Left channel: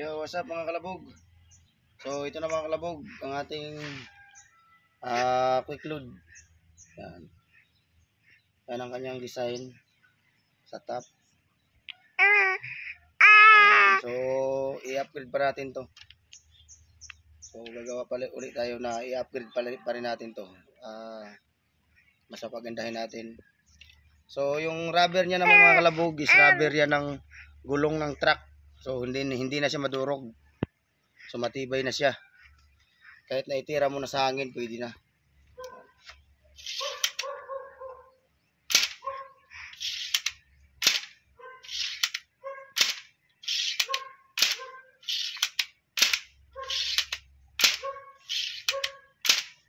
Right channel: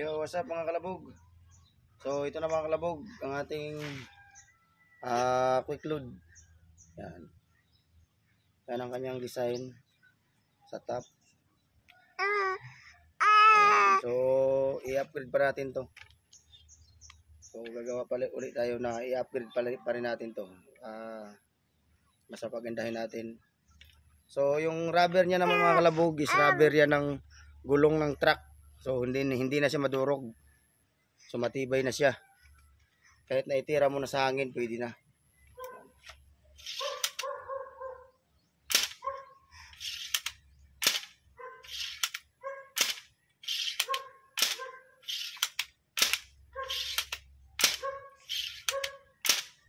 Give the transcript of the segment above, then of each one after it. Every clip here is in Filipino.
Yo, what's up mga kalabog? So, ito na mga kalabog, ang ating quick load. Yan. Yan ang kanyang design sa top. Ayan. So, i-upgrade pa natin to. So, gagawa pala ulit tayo na i-upgrade pa rin natin to. Mas pagandahin natin. So, yung rubber niya naman mga kalabog is rubber yan ng gulong ng truck. So, hindi na siya madurog. So matibay na siya. Kahit na itira mo na sa hangin, pwede na.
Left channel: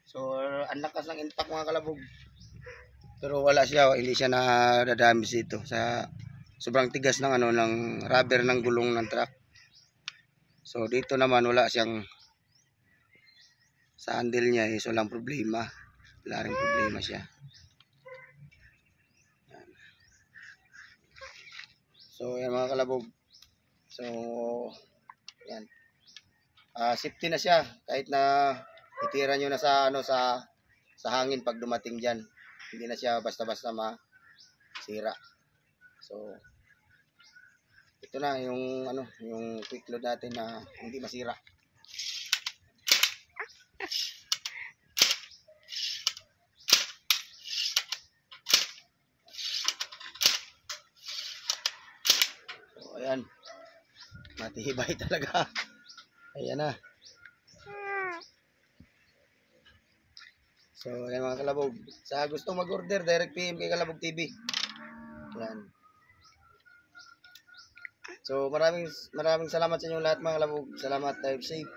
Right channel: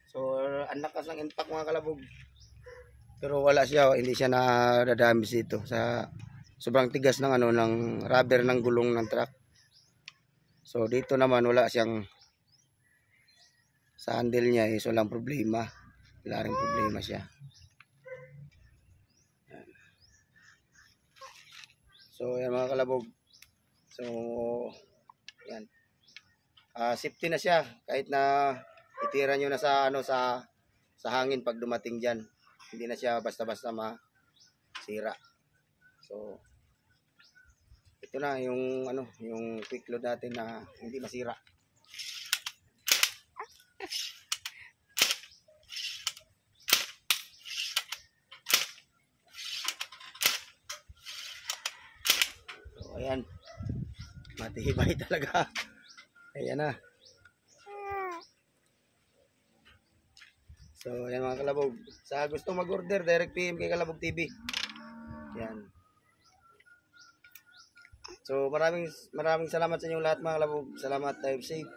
So ang lakas ng impact mga kalabog. Pero wala siya, hindi siya nadadamage dito sa sobrang tigas ng ng rubber ng gulong ng truck. So dito naman wala siyang sa handle niya, so lang problema. Wala ring problema siya. Yan. So yan mga kalabog. So yan. Safety na siya kahit na itira nyo na sa sa hangin pag dumating diyan. Hindi na siya basta-basta masira. So ito na yung yung quick load natin na hindi masira. So ayan. Matibay talaga. Ayan na. So ayan mga kalabog. Sa gusto mag-order, direct PM kay Kalabog TV. Ayan. So maraming salamat sa inyo lahat mga kalabog. Salamat, drive safe.